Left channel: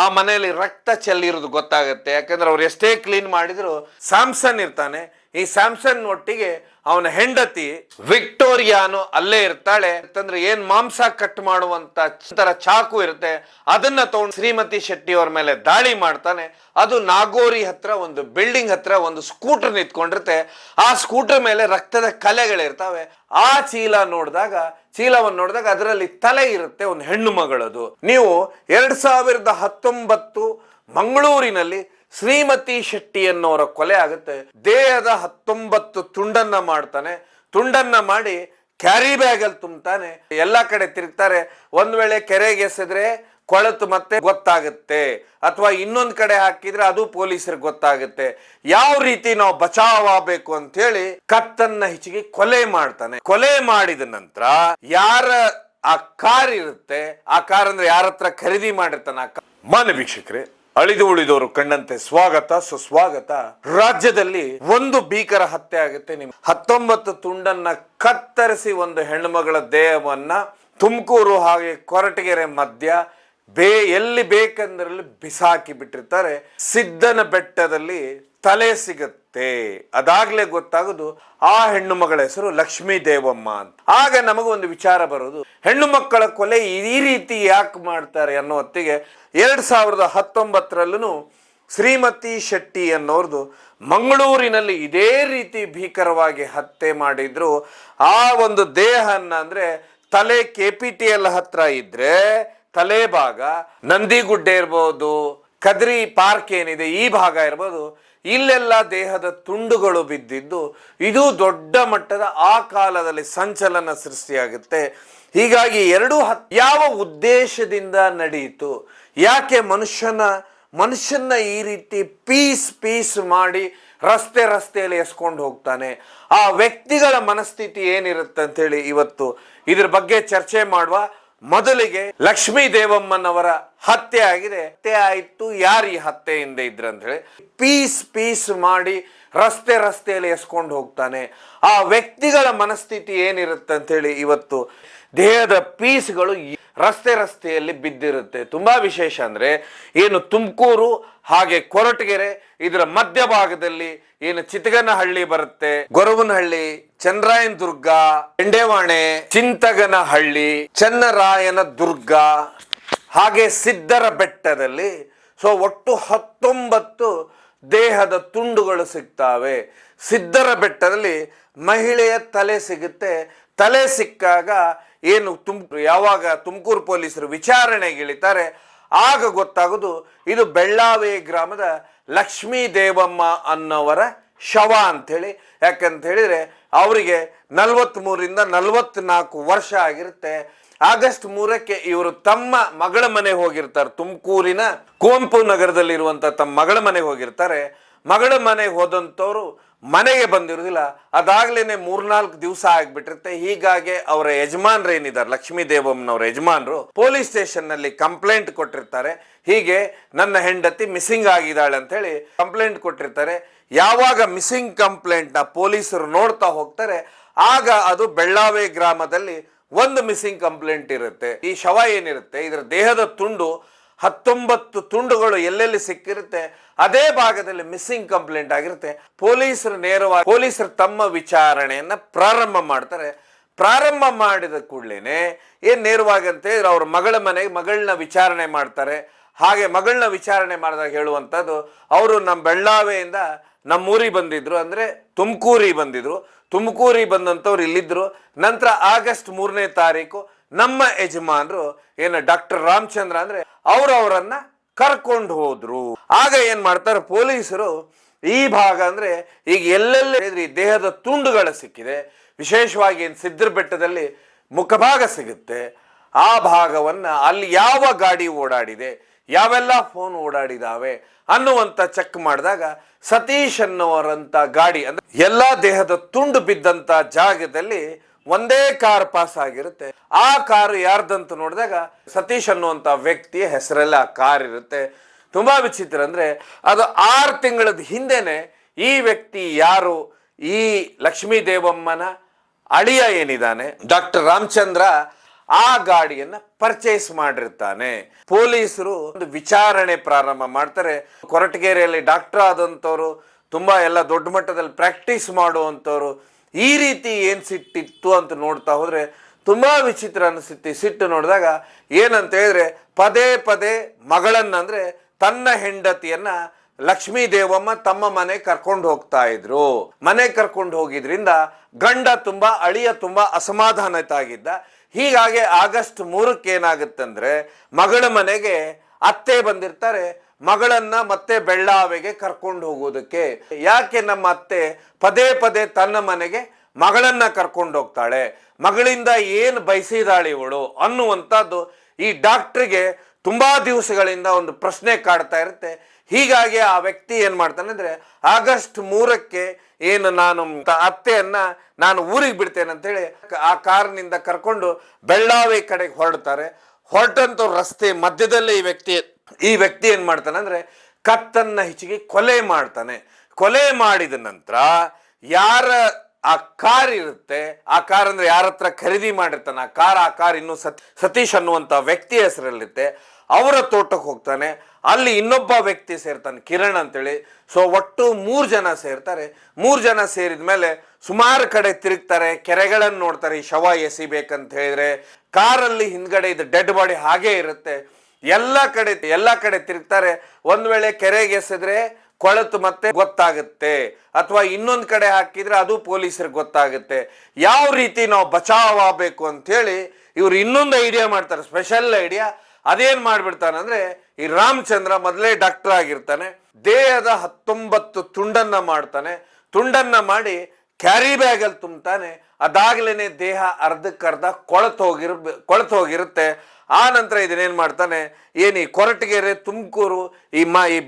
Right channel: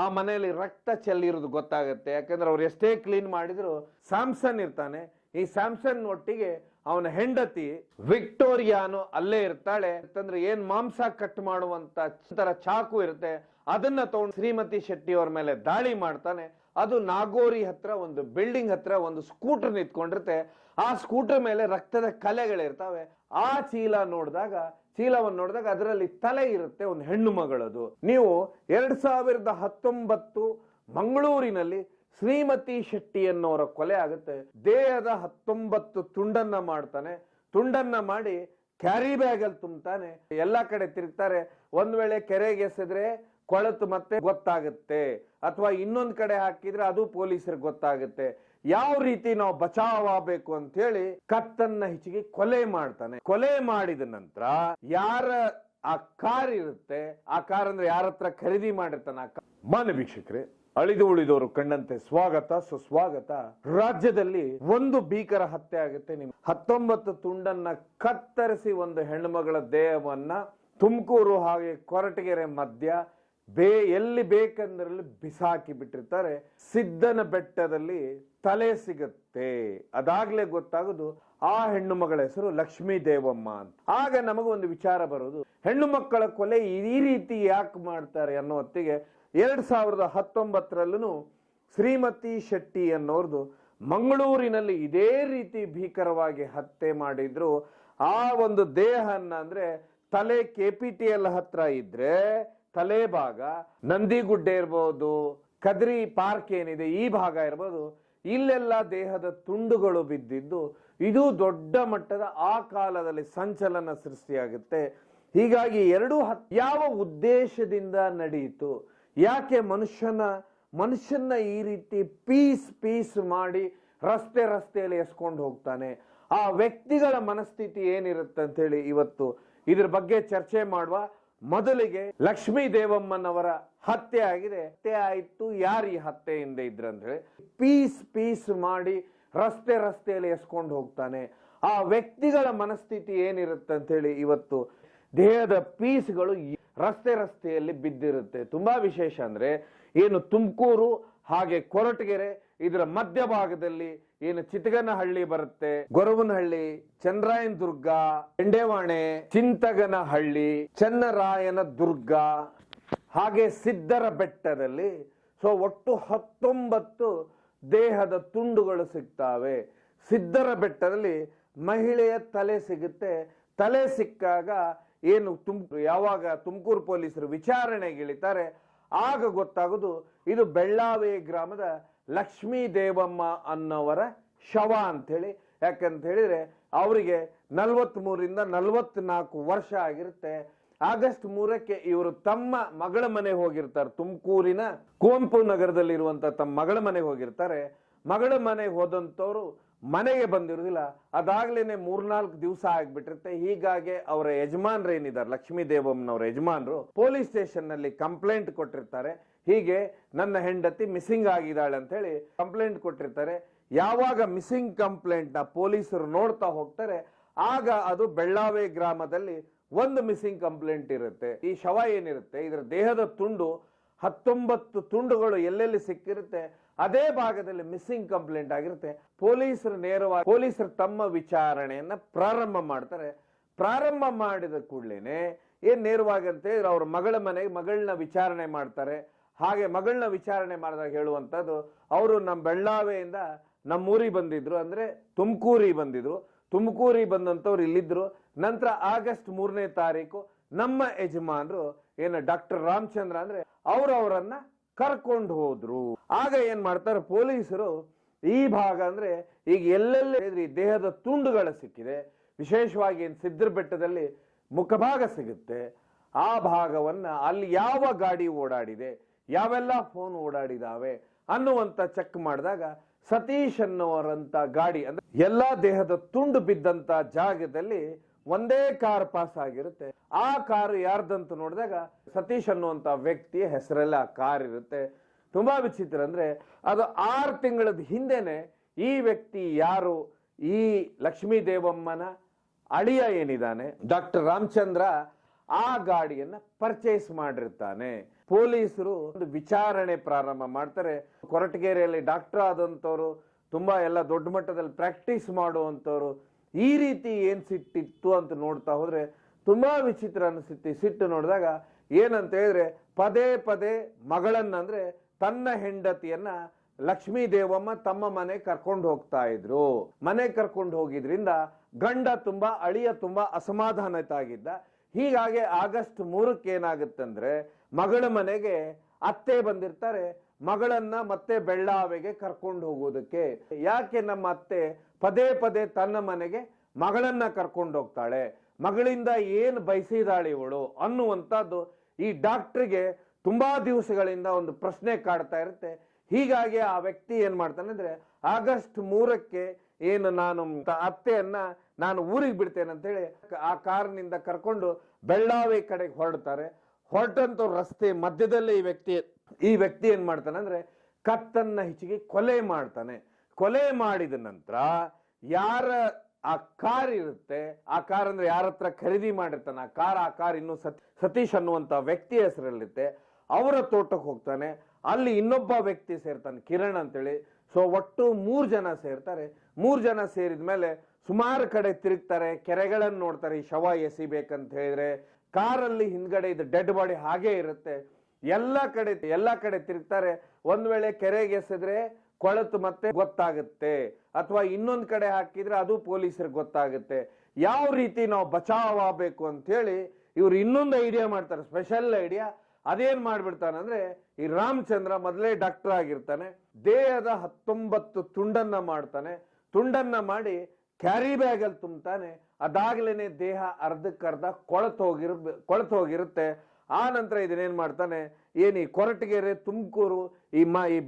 ಆ ಮನೆಯಲ್ಲಿ ರಕ್ತ ಚೆಲ್ಲಿರೋದು ಗೊತ್ತಾಗುತ್ತೆ. ಯಾಕಂದ್ರೆ ಅವ್ರು ಎಷ್ಟೇ ಕ್ಲೀನ್ ಮಾಡಿದ್ರು ಸ್ಯಾಮ್ಸನ್ ಇರ್ತಾನೆ. ಈ ಸ್ಯಾಮ್ಸನ್ ಒಟ್ಟಿಗೆ ಅವನ ಹೆಂಡತಿ ವಿಕ್ಟೋರಿಯಾನು ಅಲ್ಲೇ ಇರ್ತಾಳೆ. ಅಂತಂದ್ರೆ ಏನ್ ಮಾಂಸ ಕಟ್ ಮಾಡುವಂತ ತರ ಚಾಕು ಇರುತ್ತೆ, ಅದನ್ನ ತಗೊಂಡು ಶ್ರೀಮತಿ ಶೆಟ್ಟಿ ಅವ್ರ ಮೇಲೆ ದಾಳಿ ಮಾಡ್ತಾನೆ. ಅದು ನಾಗೋರಿ ಹತ್ರ ಒಂದು ಬಿಲ್ಡಿಂಗ್ ಹತ್ರ ಒಂದು ಸ್ಕೂಟರ್ ನಿಂತ್ಕೊಂಡಿರುತ್ತೆ. ಆ ಸ್ಕೂಟರ್ ಮೇಲೆ ರಕ್ತದ ಕಲೆಗಳಿರ್ತಾವೆ. ಆ ಚೀಲವನ್ನು ನೋಡಿದಾಗ ಅದರಲ್ಲಿ ತಲೆ ಇರುತ್ತೆ, ಒಂದು ಹೆಣ್ಣು ಮಗಳದು. ನೀವು 2019 ಮಂಗಳೂರಿನಲ್ಲಿ ಶ್ರೀಮತಿ ಶೆಟ್ಟಿ ಅನ್ನೋರ ಕೊಲೆ ಆಗುತ್ತೆ. ದೇಹದ 19 ತುಂಡನ್ನ ಮಾಡ್ತಾನೆ. ತುಂಡನ್ನ ಮಾಡಿ ಕ್ಯಾರಿ ಬ್ಯಾಗ್ ಅಲ್ಲಿ ತುಂಬ್ತಾನೆ. ಎಲ್ಲಾ ಕಡೆ ತಿರುಗ್ತಾರೆ. ಒಂದ್ ವೇಳೆ ಕೆರೆಗೆ ಎಸೆದ್ರೆ ಕೊಳತು ಮತ್ತೆ ಗೊತ್ತಾಗುತ್ತೆ, ಅಥವಾ ಇನ್ನೊಂದ್ ಕಡೆ ಹಾಕಿದ್ರೆ ಅದು ಪೊಲೀಸರಿಗೆ ಗೊತ್ತಾಗುತ್ತೆ. ಯಾವ ರೀತಿ ನಾವು ಬಚಾವ್ ಆಗ್ಬೇಕು ಅಂತ ಹೇಳಿ ಕತ್ತನ್ನ ಹೆಚ್ಚಿಗೆ ಕೊಲೆ ಮಾಡ್ತಾನೆ. ಕೊಲೆ ಮಾಡಿದ ನಂತರ ಯಾರ ಆ ಕಾರ್ ಇರುತ್ತೆ, ಆ ಕಾರ್ ಅಂದ್ರೆ ಯಾರ ಹತ್ರ ಖರೀದಿ ಮಾಡಿರ್ತಾನೆ ಆ ಕಾರ್. ಮಾನ್ಯ ವೀಕ್ಷಕರೇ, ಅಳಿದು ಉಳಿದವರು ಕಂಡಂತೆ ಸ್ವಾಗತ ಸುಸ್ವಾಗತ. ರಾಜ್ಯದಲ್ಲಿ ಒಂದು ಭೀಕರ ಹತ್ಯೆ ಆಗುತ್ತೆ. 19 ತುಂಡನ್ನ ಕತ್ತರಿಸಿ ಒಂದು ಹೆಣ್ಣುಮಗಳ ದೇಹವನ್ನ ತುಮಕೂರು ಹಾಗೆ ಕೊರಟಗೆರೆ ಮಧ್ಯ ಎಲ್ಲಿ ಬೇಕಂದ್ರಲ್ಲಿ ಬಿಸಾಕಿ ಬಿಟ್ಟಿರ್ತಾರೆ. ಸಿದ್ದನ ಬೆಟ್ಟದಲ್ಲಿ ತಲೆ ಸಿಗುತ್ತೆ. ಅದಾಗ್ಲೇ ಗೊತ್ತಾಗೋದು ಆ ಹೆಣ್ಣು ಮಗಳ ಹೆಸರು ಲಕ್ಷ್ಮೀ ದೇವಮ್ಮ ಅಂತ. ಆಗ ನಮಗೊಂದು ವಿಚಾರ ಬರೋದು, ಹೆಣ್ಣು ಮಕ್ಕಳ ಕೊಲೆ ಈ ರೀತಿ ಯಾಕೆ ಮಾಡ್ತಾರೆ ಅನ್ನೋ ಹೊತ್ತಿಗೆ 2019ರಲ್ಲೂ ಶ್ರೀಮತಿ ಶೆಟ್ಟಿ ಅನ್ನೋರ್ದು ಮಂಗಳೂರಿನಲ್ಲಿ ಇದೇ ರೀತಿ ಭೀಕರವಾಗಿ ಹತ್ಯೆ ಮಾಡಿದ್ರು. ಆ ಒಂದು ದೇಹನ್ನ ಅಂದ್ರೆ ತಲೆ KPTL ಹತ್ರ ಇದ್ರೆ ತಲೆ ಭಾಗ, ನಂದಿಗುಡ್ಡೆ ಇರ್ಬೋದು, ಕದ್ರಿ ಪಾರ್ಕ್ ಏನಿದೆ ಈ ಭಾಗ ಇರ್ಬೋದು, ಇಲ್ಲೆಲ್ಲ ದೇಹದ ತುಂಡುಗಳು ಬಿದ್ದಿದ್ದು ಇದು ದೊಡ್ಡ ಮಟ್ಟದ ಆ ಕಾಲದಲ್ಲಿ ಸಂಚಲನ ಸೃಷ್ಟಿಯಾಗುತ್ತೆ. ಹೀಗಾಗಿ ಯಾವ ಉದ್ದೇಶದಿಂದ ನಡೆಯಿತು, ಯಾಕೆ ಮನುಷ್ಯನ ಈ ರೀತಿ ಪೀಸ್ ಮಾಡಿ ರಸ್ತೆಯಲ್ಲಿ ಎಸ್ಕೊಂಡು ಹೋಗ್ತಾನೆ, ಆ ವ್ಯಕ್ತಿಗಳ ಮನಸ್ಥಿತಿ ಏನಿರುತ್ತೆ ಅಂತ ಹೇಳಿ ಇವತ್ತು ಇದ್ರ ಬಗ್ಗೆ ಚರ್ಚೆ ಮಾಡುವ. ಮೊದಲಿಗೆ ಲಕ್ಷ್ಮೀ ದೇವಮ್ಮನವರ ಹತ್ಯೆ ಆಗಿದೆ. ಹತ್ಯೆ ಆಯ್ತು, ಯಾರು ಈ ಹತ್ಯೆಯಿಂದ ಇದ್ರ ಅಂತ ಹೇಳಿ ಪೀಸ್ ಮಾಡಿ ರಸ್ತೆಯಲ್ಲಿ ಎಸ್ಕೊಂಡು ಹೋಗ್ತಾನೆ, ಆ ವ್ಯಕ್ತಿಗಳ ಮನಸ್ಥಿತಿ ಏನಿರುತ್ತೆ ಅಂತ ಹೇಳಿ ಇವತ್ತು ದೇಹದ ಪೀಸ್ಗಳು ರಸ್ತೆಯಲ್ಲಿ ಬಿದ್ದಿರುತ್ತೆ. ತುಂಬಾ ವಿಶೇಷ ಅಂದ್ರೆ ಏನು ತುಮಕೂರು ಹಾಗೆ ಕೊರಟಗೆರೆ ಇದರ ಮಧ್ಯಭಾಗದಲ್ಲಿ ಏನು ಚಿತಗನಹಳ್ಳಿ ಬರುತ್ತೆ, ಗೊರವನಹಳ್ಳಿ, ಚಂದ್ರಾಯನ ದುರ್ಗ, ಬೆಂಡೆವಾಣೆ, ಚಿಂತಗನಹಳ್ಳಿ, ಚನ್ನರಾಯನ ದುರ್ಗ ಹಾಗೆ ಸಿದ್ದರ ಬೆಟ್ಟದಲ್ಲಿ ಒಟ್ಟು 19 ದೇಹದ ತುಂಡುಗಳು ಸಿಗ್ತಾವೆ. ಸಿದ್ದರ ಬೆಟ್ಟದಲ್ಲಿ ಮಹಿಳೆಯ ತಲೆ ಸಿಗುತ್ತೆ. ತಲೆ ಸಿಕ್ಕಾಗ ಏನು ಯಾವಾಗ ತುಮಕೂರು ಪೊಲೀಸರು ವಿಚಾರಣೆಗೆ ಇಳಿತಾರೆ ಆಗ ಗೊತ್ತಾಗೋದು ಇದು ಬೆಳ್ಳಾವೆ ಗ್ರಾಮದ ಲಕ್ಷ್ಮೀ ದೇವಮ್ಮ ಅನ್ನೋವರ ಶವ ಅಂಥೇಳಿ. ಯಾಕಂತ ಹೇಳಿದ್ರೆ ಅವರಿಗೆ 43ರಿಂದ 44 ವರ್ಷ ಆಗಿರುತ್ತೆ. ಆಗಸ್ಟ್ 3ಕ್ಕೆ ಇವರು ತಮ್ಮ ಮಗಳ ಮನೆಗೆ ಹೋಗಿರ್ತಾರೆ. ತುಮಕೂರಿನ ಕುವೆಂಪು ನಗರದಲ್ಲಿರುವಂಥ ತಮ್ಮ ಮಗಳ ಮನೆಗೆ ಹೋಗಿರ್ತಾರೆ. ಮಗಳ ಮನೆಗೆ ಹೋದಂಥವ್ರು ಮನೆಗೆ ಬಂದಿರೋದಿಲ್ಲ. ಅದಾಗ್ಲೇನೆ 3-4 ದಿವಸ ಆಗ್ಬಿಟ್ಟಿರುತ್ತೆ. ಹೀಗಾಗಿ ಅವರ ಯಜಮಾನ್ರು ಏನಿದ್ದಾರೆ, ಲಕ್ಷ್ಮೀ ದೇವಮ್ಮನವರ ಯಜಮಾನ್ರು ಪೊಲೀಸ್ ಸ್ಟೇಷನ್ ನಲ್ಲಿ ಕಂಪ್ಲೇಂಟ್ ಕೊಟ್ಟಿರ್ತಾರೆ. ಹೀಗೆ ನನ್ನ ಹೆಂಡತಿ ಮಿಸ್ಸಿಂಗ್ ಆಗಿದ್ದಾಳೆ ಅಂತ ಹೇಳಿ ಕಂಪ್ಲೇಂಟ್ ಕೊಟ್ಟಿರ್ತಾರೆ. ಯಾವಾಗ ಮಿಸ್ಸಿಂಗ್ ಕಂಪ್ಲೇಂಟ್ ನ ಪೊಲೀಸರು ನೋಡ್ತಾ ಹೋಗ್ತಾರೆ ಆಗ ಅದು ಬೆಳ್ಳಾವೆ ಗ್ರಾಮದಲ್ಲಿ ಒಂದು ಮಿಸ್ಸಿಂಗ್ ಕಂಪ್ಲೇಂಟ್ ಇರುತ್ತೆ. ಈ ಶವ ಏನಿರುತ್ತೆ ಇದರ ದೇಹದ ತುಂಡು 19 ತುಂಡುಗಳು ಎಲ್ಲೆಲ್ಲಿ ಸಿಕ್ಕಿರುತ್ತೆ ಅದೇ ಭಾಗದಲ್ಲಿ ಮಿಸ್ಸಿಂಗ್ ಕಂಪ್ಲೇಂಟ್ ಆಗಿರುತ್ತೆ. ಪೊಲೀಸರು ತಮ್ಮ ವಿಚಾರಣೆಯನ್ನ ಪ್ರಾರಂಭ ಮಾಡ್ತಾರೆ. ಪ್ರಾರಂಭ ಮಾಡಿದ ಕೂಡಲೇನೆ ಏನ್ ನೇರವಾಗಿ ಅಂತ ಹೇಳಿದ್ರೆ ಅವ್ರ ಮಗಳನ್ನ ವಿಚಾರಣೆ ಮಾಡ್ತಾರೆ. ಹಾಗೆ ಮಗಳನ್ನ ವಿಚಾರಣೆ ಮಾಡಿದಾಗ ಹೇಳುವಂಥದ್ದು, ಅವರು ನಮ್ಮ ಬೆಳ್ಳಾವೆಯಿಂದ ನಮ್ಮೂರಿಗೆ ಬಂದಿದ್ರು, ಅಂದ್ರೆ ತುಮಕೂರಿಗೆ ಬಂದಿದ್ರು. ತುಮಕೂರಿಗೆ ಬಂದಂಥವ್ರು ಇಲ್ಲಿದ್ರು. ನಂತರ ಆಗಸ್ಟ್ 3ನೇ ತಾರೀಕು ನಮ್ಮ ಯಜಮಾನರು ಏನು ಡಾಕ್ಟರ್ ರಾಮಚಂದ್ರ ಅಂದ್ರೆ ಅವರನ್ನ ಕರ್ಕೊಂಡು ಹೋದ್ರು. ಆಗ ಏನ್ ಮಾಡ್ತಾರೆ ಪೊಲೀಸರು, ಈ ಭಾಗ ಅಂದ್ರೆ ಈಗ ಎಲ್ಲೆಲ್ಲಿ ದೇಹದ ತುಂಡುಗಳು ಸಿಕ್ಕಿದೆ, ವಿಶೇಷವಾಗಿ ಏನು ಸಿದ್ದರ ಬೆಟ್ಟದಲ್ಲಿ ಮುಖಭಾಗ ಸಿಗುತ್ತೆ, ಆ ಭಾಗವನ್ನ ಅಲ್ಲಿ ಯಾವ ಗಾಡಿ ಓಡಾಡಿದೆ, ಯಾವೆಲ್ಲ ಫೋನ್ ಓಡಾಡಿದಾವೆ ಅನ್ನುವಂತ ಚೆಕ್ ಮಾಡಿದಾಗ ಸತೀಶ್ ಅನ್ನುವರಂತ ಗಾಡಿ ಅಂದ್ರೆ ಎಲ್ಲಾ ದೇಹದ ತುಂಡು ಬಿದ್ದಂತ ಜಾಗದಲ್ಲಿ ಒಂದೇ ಕಾರ್ ಪಾಸ್ ಆಗಿರುತ್ತೆ. ಆ ಕಾರು ಯಾರ್ದಂತ ನೋಡಿದಾಗ ಸತೀಶ್ ಅನ್ನುವಂತ ವ್ಯಕ್ತಿಯ ಹೆಸರಲ್ಲಿ ಆ ಕಾರ್ ಇರುತ್ತೆ. ತುಂಬಾ ವಿಚಿತ್ರ ಅಂದ್ರೆ ಅದು 6 ತಿಂಗಳ ಹಿಂದೆನೆ ಈ ವ್ಯಕ್ತಿ ಯಾರು, ಈ ಲಕ್ಷ್ಮೀ ದೇವಮ್ಮನ ಅಳಿಯ ಏನಿದ್ದಾನೆ ಡಾಕ್ಟರ್ ರಾಮಚಂದ್ರ, ಆ ಗಾಡಿಯನ್ನ ಪರ್ಚೇಸ್ ಮಾಡಿರ್ತಾನೆ. ಪೊಲೀಸರು ಒಂದು ವಿಚಾರಣೆ ಪ್ರಾರಂಭ ಮಾಡ್ತಾರೆ. ಕೊರಟಗೆರೆಯಲ್ಲಿ ಡಾಕ್ಟರ್ ಆದಂಥವ್ರು, ತುಂಬಾ ಎಲ್ಲ ದೊಡ್ಡ ಮಟ್ಟದಲ್ಲಿ ಪ್ರಾಕ್ಟೀಸ್ ಮಾಡುವಂಥವ್ರು, ಈ ರೀತಿ ಏನ್ ಸಿಟ್ಟಿತ್ತು ಅಂತ ನೋಡ್ತಾ ಹೋದ್ರೆ ತುಂಬಾ ವಿಚಿತ್ರ ಅನಿಸುತ್ತೆ. ಸಿಟ್ಟು ನೋಡಿದಾಗ ಏನಂತ ಹೇಳಿದ್ರೆ, ಪದೇ ಪದೇ ಮಗಳನ್ನಂದ್ರೆ ತನ್ನ ಹೆಂಡತಿಯನ್ನ ಲಕ್ಷ್ಮೀ ದೇವಮ್ಮ ತಮ್ಮ ಮನೆ ಕರ್ಕೊಂಡು ಹೋಗ್ತಾ ಇದ್ರು. ಮನೆ ಕರ್ಕೊಂಡು ಹೋಗಿದ್ರಿಂದ ಗಂಡ ತುಂಬಾ, ಅಳಿಯ ತುಂಬಾ ಅಸಮಾಧಾನಿತ ಆಗಿದ್ದ. ಹೀಗಾಗಿ ಆಗಸ್ಟ್ 3ಕ್ಕೆ ಏನಾಗುತ್ತಂದ್ರೆ, ಮಗಳ ಮನೆಗೆ ಅತ್ತೆ ಬಂದಿರ್ತಾರೆ. ಮಗಳನ್ನ ಮತ್ತೆ ಬೆಳ್ಳಾವೆಗೆ ಕರ್ಕೊಂಡು ಹೋಗೋದಕ್ಕೆ. ಯಾಕೆ ನಮ್ಮ ಅತ್ತೆ ಪದೇ ಪದೇ ತನ್ನ ಮನೆಗೆ ಮಗಳನ್ನ ಕರ್ಕೊಂಡು ಹೋಗ್ತಾಳೆ, ಮಗಳಿಂದ ಏನು ಬಯಸಿದಾಳೆ ಇವಳು ಅನ್ನುವಂಥದ್ದು ಈ ಡಾಕ್ಟ್ರಿಗೆ ತುಂಬಾ ದಿವಸಗಳಿಂದ ಒಂದು ಪ್ರಶ್ನೆ ಕಾಡ್ತಾ ಇರುತ್ತೆ. ಹೀಗಾಗಿ ಆ ವ್ಯಕ್ತಿ ಏನ್ ಮಾಡ್ತಾನೆ ಅಂದ್ರೆ, ಆಗಸ್ಟ್ 3ಕ್ಕೆ ಏನು ನಾನು ಅತ್ತೆಯನ್ನ ನಾನು ಊರಿಗೆ ಬಿಡ್ತೇನೆ ಅಂತ ಹೇಳಿ ಆ ಕಾರಿನಿಂದ ಕರ್ಕೊಂಡು ಬೆಳ್ಳಾವಿ ಕಡೆಗೆ ಹೊರಡ್ತಾರೆ. ಹೊರಟಂತ ರಸ್ತೆ ಮಧ್ಯದಲ್ಲೇ ಈ ವ್ಯಕ್ತಿ ಏನ್ ಮಾಡ್ತಾನೆ ಅಂದ್ರೆ, ಕತ್ತನ್ನ ಹಿಚಿಗೆ ಕೊಲೆ ಮಾಡ್ತಾನೆ. ಕೊಲೆ ಮಾಡಿದ ನಂತರ ಯಾರ ಆ ಕಾರ್ ಇರುತ್ತೆ, ಆ ಕಾರ್ ಅಂದ್ರೆ ಯಾರ ಹತ್ರ ಖರೀದಿ ಮಾಡಿರ್ತಾನೆ ಆ ಕಾರ್ ಇನ್ನು ಸತೀಶ್ ಅನ್ನುವಂತ ವ್ಯಕ್ತಿ ಹೆಸರಲ್ಲಿರುತ್ತೆ. ಅವರ ತೋಟಕ್ಕೆ ಹೋಗ್ತಾನೆ. ಅಲ್ಲಿ ಇನ್ನೊಬ್ಬ ವ್ಯಕ್ತಿ ಸೇರ್ತಾನೆ, ಕಿರಣ್ ಅಂತೇಳಿ. ಸೊ ಒಟ್ಟು 3 ಜನ ಸೇರ್ತಾರೆ. 3 ಜನ ಸೇರಿದ ಮೇಲೆ ಸುಮಾರು ಕಡೆ ತಿರುಗ್ತಾರೆ, ಕೆರೆಗಳನ್ನು ನೋಡ್ತಾರೆ. ಈ ಶವ ಎಸಿಬೇಕಂತ ಹೇಳಿದ್ರೆ ಕಾರಲ್ಲಿ ಹಿಂದ್ಗಡೆ ಇದು ಡೆಡ್ ಬಾಡಿ ಹಾಗೆ ಇರುತ್ತೆ. ಎಲ್ಲ ಕಡೆ ತಿರುಗ್ತಾರೆ. ಒಂದ್ ವೇಳೆ ಕೆರೆಗೆ ಎಸೆದ್ರೆ ಕೊಳತು ಮತ್ತೆ ಗೊತ್ತಾಗುತ್ತೆ, ಅಥವಾ ಇನ್ನೊಂದು ಕಡೆ ಹಾಕಿದ್ರೆ ಅದು ಪೊಲೀಸರಿಗೆ ಗೊತ್ತಾಗುತ್ತೆ. ಯಾವ ರೀತಿ ನಾವು ಬಚಾವ್ ಆಗಬೇಕು ಅಂತ ಹೇಳಿ ಇವ್ರು ಇನ್ನೊಂದು ಐಡಿಯಾ ಮಾಡ್ತಾರೆ, ಸ್ಪೆಷಲ್ ಐಡಿಯಾ. ಅದೇನ್ ಮಾಡ್ಬಿಡ್ತಾನೆ ಅಂದ್ರೆ, ಈ ರಾಮಚಂದ್ರ ಮೊದಲೇ ಡಾಕ್ಟರ್ ಆಗಿರ್ತಾನೆ. ದೇಹದ 19 ತುಂಡನ್ನ ಮಾಡ್ತಾನೆ. ತುಂಡನ್ನ ಮಾಡಿ ಕ್ಯಾರಿ ಬ್ಯಾಗ್ ಅಲ್ಲಿ ತುಂಬ್ತಾನೆ. ಅದಾಗ್ಲೇನೆ ದೇಹ ಅರ್ಧಕ್ಕರ್ಧ ಕೊಳತು ಹೋಗಿರುತ್ತೆ. ಆ ನಂತರ ಇದನ್ನೇನ್ ಮಾಡ್ತಾನೆ, ಈ ಕೊರಟಗೆರೆ, ತುಮಕೂರು ಈ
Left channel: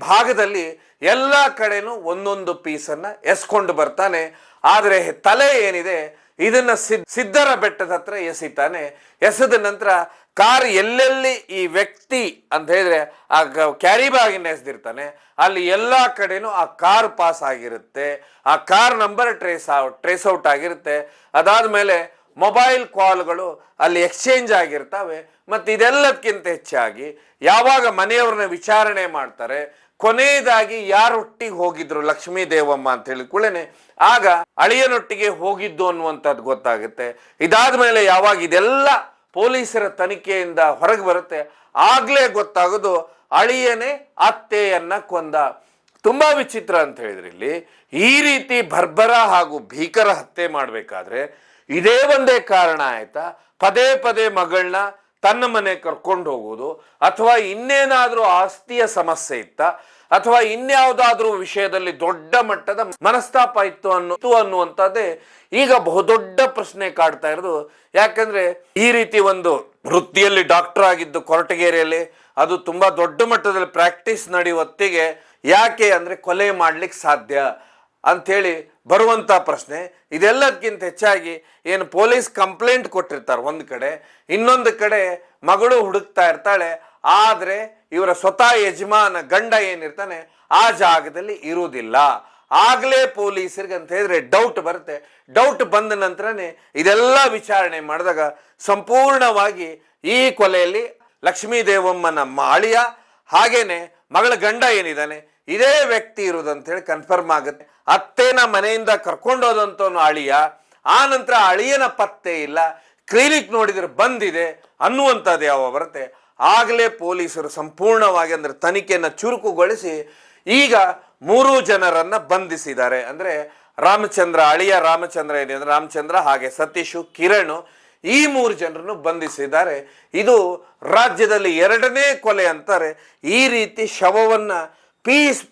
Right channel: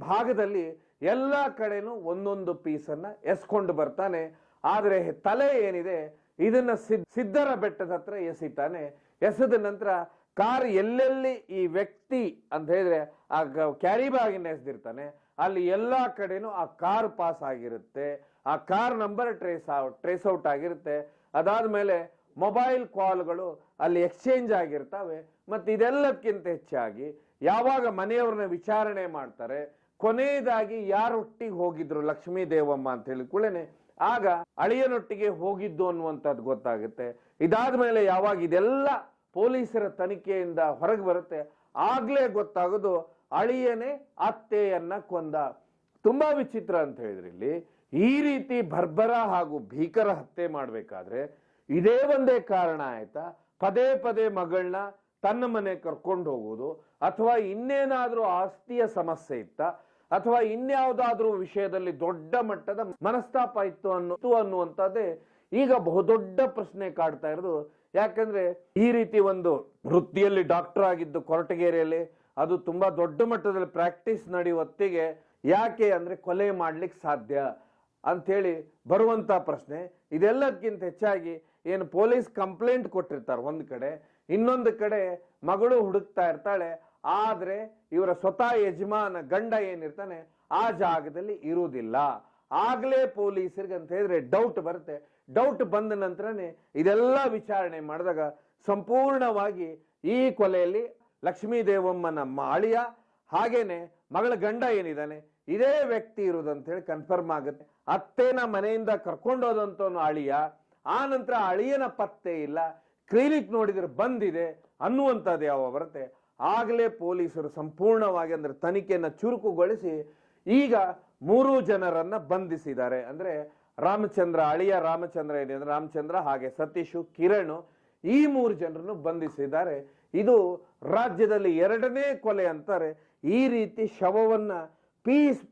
ಭಾಗದಲ್ಲಿ ಎಲ್ಲಾ ಕಡೆನೂ ಒಂದೊಂದು ಪೀಸನ್ನ ಎಸ್ಕೊಂಡು ಬರ್ತಾನೆ. ಆದ್ರೆ ತಲೆ ಏನಿದೆ ಇದನ್ನ ಸಿದ್ದರ ಬೆಟ್ಟದ ಹತ್ರ ಎಸಿತಾನೆ. ಎಸೆದ ನಂತರ ಕಾರ್ ಎಲ್ಲೆಲ್ಲಿ ಈ ವ್ಯಕ್ತಿ ಅಂತ ಹೇಳಿದ್ರೆ ಆ ಕ್ಯಾರಿ ಬ್ಯಾಗಿನ ಎಸೆದಿರ್ತಾನೆ, ಅಲ್ಲಿ ಎಲ್ಲಾ ಕಡೆನೂ ಆ ಕಾರ್ ಪಾಸ್ ಆಗಿರುತ್ತೆ. ಆ ಕಾರ್ ನಂಬರ್ ಟ್ರೇಸ್ ಔಟ್ ಆಗಿರುತ್ತೆ. ಅದಾದ್ಮೇಲೆ ಮೊಬೈಲ್ ಕಾಲ್ಗಳು ಅಲ್ಲಿ ಎಕ್ಸ್ಚೇಂಜ್ ಆಗಿರ್ತವೆ. ಮತ್ತೆ ಇದೆಲ್ಲದಕ್ಕಿಂತ ಹೆಚ್ಚಾಗಿ ಯಾವಾಗ ಮನೆಯವ್ರನ್ನ ವಿಚಾರಣೆ ಮಾಡ್ತಾರೆ, ಕೊನೆಯದಾಗಿ ಯಾರೊಟ್ಟಿಗೆ ಹೋಗಿದ್ರು ಲಕ್ಷ್ಮೀ ದೇವಮ್ಮ ಅಂತ ಹೇಳಿದ ಕೂಡಲೇ ಆಗ ಅಳಿಯನೊಟ್ಟಿಗೆ ಹೋಗಿದ್ದು ಅನ್ನುವಂಥದ್ದು ಗೊತ್ತಾಗುತ್ತೆ. ಇದಾದ್ಮೇಲೆ ಯಾವಾಗ ಇದೆಲ್ಲ ಪೊಲೀಸರ ತನಿಖೆಯಿಂದ ಹೊರಗೆ ಬರುತ್ತೆ, ಆಗ್ಲೇ ಗೊತ್ತಾಗೋದು ಅಳಿಯನೇ ಅತ್ತೆಯನ್ನ ಕೊಂದ. ತುಂಬಾ ವಿಚಿತ್ರ ಅಂತ ಹೇಳಿದ್ರೆ, ಇಲ್ಲಿ ಈ ರೀತಿ ಬರ್ಬರ ಹಾಗೂ ಭೀಕರ ಹತ್ಯೆ ಮಾಡ್ಬೇಕಾದ್ರೆ ಇದೇ ಒಂದೇ ಕಾರಣ ಆಯ್ತಾ? ಪದೇ ಪದೇ ಮಗಳನ್ನ ತನ್ನ ಮನೆ ಕರ್ಕೊಂಡು ಹೋಗುವುದು, ಅಥವಾ ಇನ್ನೇನಾದ್ರೂ ಆಸ್ತಿಯ ಸಮಸ್ಯೆ ಇತ್ತ, ಅಥವಾ ಇನ್ಯಾವುದಾದ್ರೂ ವಿಷಯದಲ್ಲಿ ದೊಡ್ಡ ಮಟ್ಟದ ಮನಸ್ತಾಪ ಇತ್ತು ಅನ್ನುವಂಥದ್ದೇ ಈಗ ಬಹುದೊಡ್ಡ ಪ್ರಶ್ನೆ ಕಾಡ್ತಾ ಇರೋದು. ಯಾಕಂದ್ರೆ ಈ ರೀತಿ ಒಂದು ವೃತ್ತಿಯಲ್ಲಿ ಡಾಕ್ಟರ್ ಆಗಿದ್ದು ಕೊರಟಗೆರೆಯಲ್ಲಿ, ಅದು ತುಂಬಾ ದೊಡ್ಡ ಮಟ್ಟದಲ್ಲಿ ಪ್ರಾಕ್ಟೀಸ್ ನಡೆಯುವತ್ತಿಗೆ ಯಾಕೆ ಅಂದ್ರೆ ಕೊಲೆ ಮಾಡ್ಲಿಕ್ಕೆ ಸಾಧ್ಯ ಅಂಥೇಳಿ ಬರುವಂತ ಪ್ರಶ್ನೆ. ಇದೆಲ್ಲದಕ್ಕಿಂತ ಹೆಚ್ಚಾಗಿ ಏನು ಪೊಲೀಸ್ ಕಂಪ್ಲೇಂಟ್ ಕೊಟ್ಟಿರ್ತಾರೆ ಒಂದ್ ಕಡೆ, ಇನ್ನೊಂದು ಕಡೆ ಮಗಳು ಹುಡುಕ್ತಾ ಇರ್ತಾಳೆ. ಆದ್ರೆ ಇವರ ಸ್ವತಃ ಯಜಮಾನ ಗಂಡ ಏನಿರ್ತಾನೆ ಆ ಜಾಗದಲ್ಲಿ ಇರುವುದಿಲ್ಲ. ಆಗ್ಲೇ ಪೊಲೀಸರಿಗೆ ಅಂತ ಹೇಳಿದ್ರೆ ಡೌಟ್ ಬರುತ್ತೆ. ಡೌಟ್ ಬಂದ ನಂತರನೇ ಇದೆಲ್ಲ ವಿಚಾರಣೆ ಮಾಡಿದಾಗ ಸಂಪೂರ್ಣವಾಗಿ ಈ ಕೊಲೆಯಲ್ಲಿ ಲಕ್ಷ್ಮೀ ದೇವಮ್ಮನ ಅಳಿಯ ಹಾಗೇನೆ ಮಗಳ ಗಂಡ ಏನಿದ್ದಾನೆ ಇದೇ ವ್ಯಕ್ತಿ ಇರುವುದಂತ ಹೇಳಿ ಕನ್ಫರ್ಮ್ ಆಗುತ್ತೆ. ಅತ್ತೆನ ಮನೆಯಿಂದ ಕರ್ಕೊಂಡೋದಂತವನು ಅಳಿಯ, ಆ ನಂತರ ಅಳಿಯನ ಪತ್ತೆ ಇಲ್ಲ, ಕ್ಲಿನಿಕ್ ನೋಡಿದ್ರೆ ಬಂದಿದೆ ಅನ್ನುವಂಥದ್ದು ಯಾವ ಬರುತ್ತೆ. ಆಗಲೇ ಪೊಲೀಸರು ಸಂಪೂರ್ಣವಾಗಿ ಅಂದ್ರೆ ತನಿಖೆಯನ್ನು ಚುರುಕುಗೊಳಿಸಿ ಈಗ 3 ಜನರನ್ನ ಬಂಧಿಸಿದ್ದಾರೆ. ಅಂದ್ರೆ ರಾಮಚಂದ್ರ, ಅಳಿಯ ರಾಮಚಂದ್ರ ಏನಿದೆ ರಾಮಚಂದ್ರ, ಹಾಗೆ ಸತೀಶು, ಕಿರಣ್, ಈ 3 ಜನರನ್ನು ಬಂಧಿಸಿದ್ದಾರೆ. ಇದು ರಾಜ್ಯದಲ್ಲಿ 2ನೇ ಕೊಲೆ ಅಂತಾರೆ. ಈ ರೀತಿ ಶವವನ್ನ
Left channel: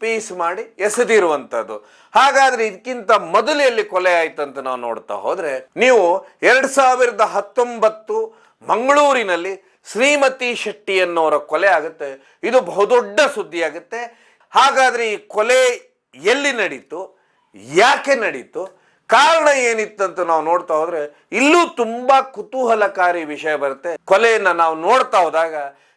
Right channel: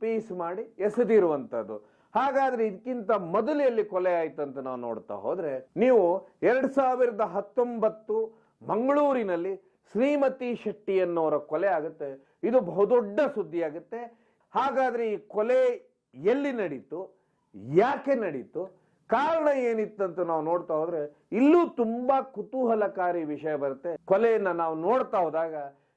ಪೀಸ್ ಮಾಡಿ ಎಸೆದಿರುವಂಥದ್ದು. ಹಾಗಾದ್ರೆ ಇದಕ್ಕಿಂತ ಮೊದಲು ಎಲ್ಲಿ ಕೊಲೆ ಆಯ್ತು ಅಂತ ನಾವು ನೋಡ್ತಾ ಹೋದ್ರೆ, ನೀವು 2019 ಮಂಗಳೂರಿನಲ್ಲಿ ಶ್ರೀಮತಿ ಶೆಟ್ಟಿ ಅನ್ನೋರ ಕೊಲೆ ಆಗುತ್ತೆ. ಇದು ಬಹುದೊಡ್ಡ ಸುದ್ದಿ ಆಗುತ್ತೆ. ಹಾಗಾದ್ರೆ ಈ ಕೊಲೆ ಎಲ್ಲಿ ನಡೀತು, ಯಾಕೆ ನಡೀತು, ಕಾರಣ ಏನಿತ್ತಂತ ನಾವು ನೋಡ್ತಾ ಹೋದ್ರೆ ಇಲ್ಲೂ ತುಂಬಾ ಕುತೂಹಲಕಾರಿ ವಿಷಯ ಬರುತ್ತೆ. ಕೊಲೆಯನ್ನ ನಾವು ನೋಡ್ತಾ ಹೋದಾಗ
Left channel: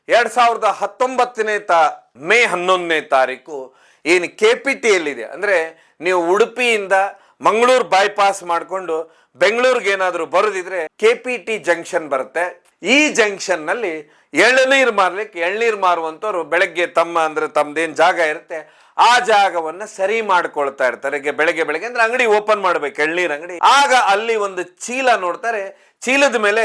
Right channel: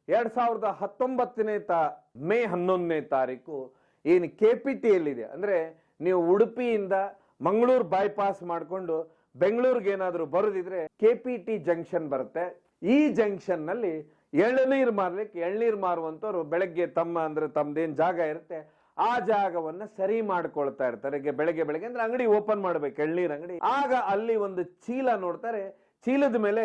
2019 ಮೇ 11ನೇ ತಾರೀಕು ಏನು KPTL ಇದೆ, ಅಂದ್ರೆ ನೀವು ಉಡುಪಿಯಿಂದ ಮಂಗಳೂರು ಬೈಪಾಸ್ ಮಾಡಿಕೊಂಡು ಬೆಂಗಳೂರಿಗೆ ಏನಾದರೂ ಬರೋದಿದ್ರೆ KPT ಜಂಕ್ಷನ್ ಬರುತ್ತೆ. ಈ ಜಂಕ್ಷನ್ ನಲ್ಲಿ ಎಳನೀರು ಮಾರ್ಲಿಕ್ಕೆ ಎಳ್ನೀರು ಮಾರುವಂತವ್ರು ಬೆಳಗ್ಗೆ ತಮ್ಮದೇನ್ ಜಾಗ ಇರುತ್ತೆ ಆ ಜಾಗವನ್ನ ಸರಿ ಮಾಡ್ಕೊಳ್ತಾ ಇರ್ತಾರೆ. ಬೆಳಗ್ಗೆ ಅಂದ್ರೆ ಅಂಗಡಿ ಓಪನ್ ಮಾಡ್ಬೇಕು, ಎಳ್ನೀರ್ ಅಂಗಡಿ. ಆಗ ಅಲ್ಲಿ ಒಂದು ಚೀಲ ನೋಡ್ತಾರೆ, ಚೀಲದ ಮೇಲೆ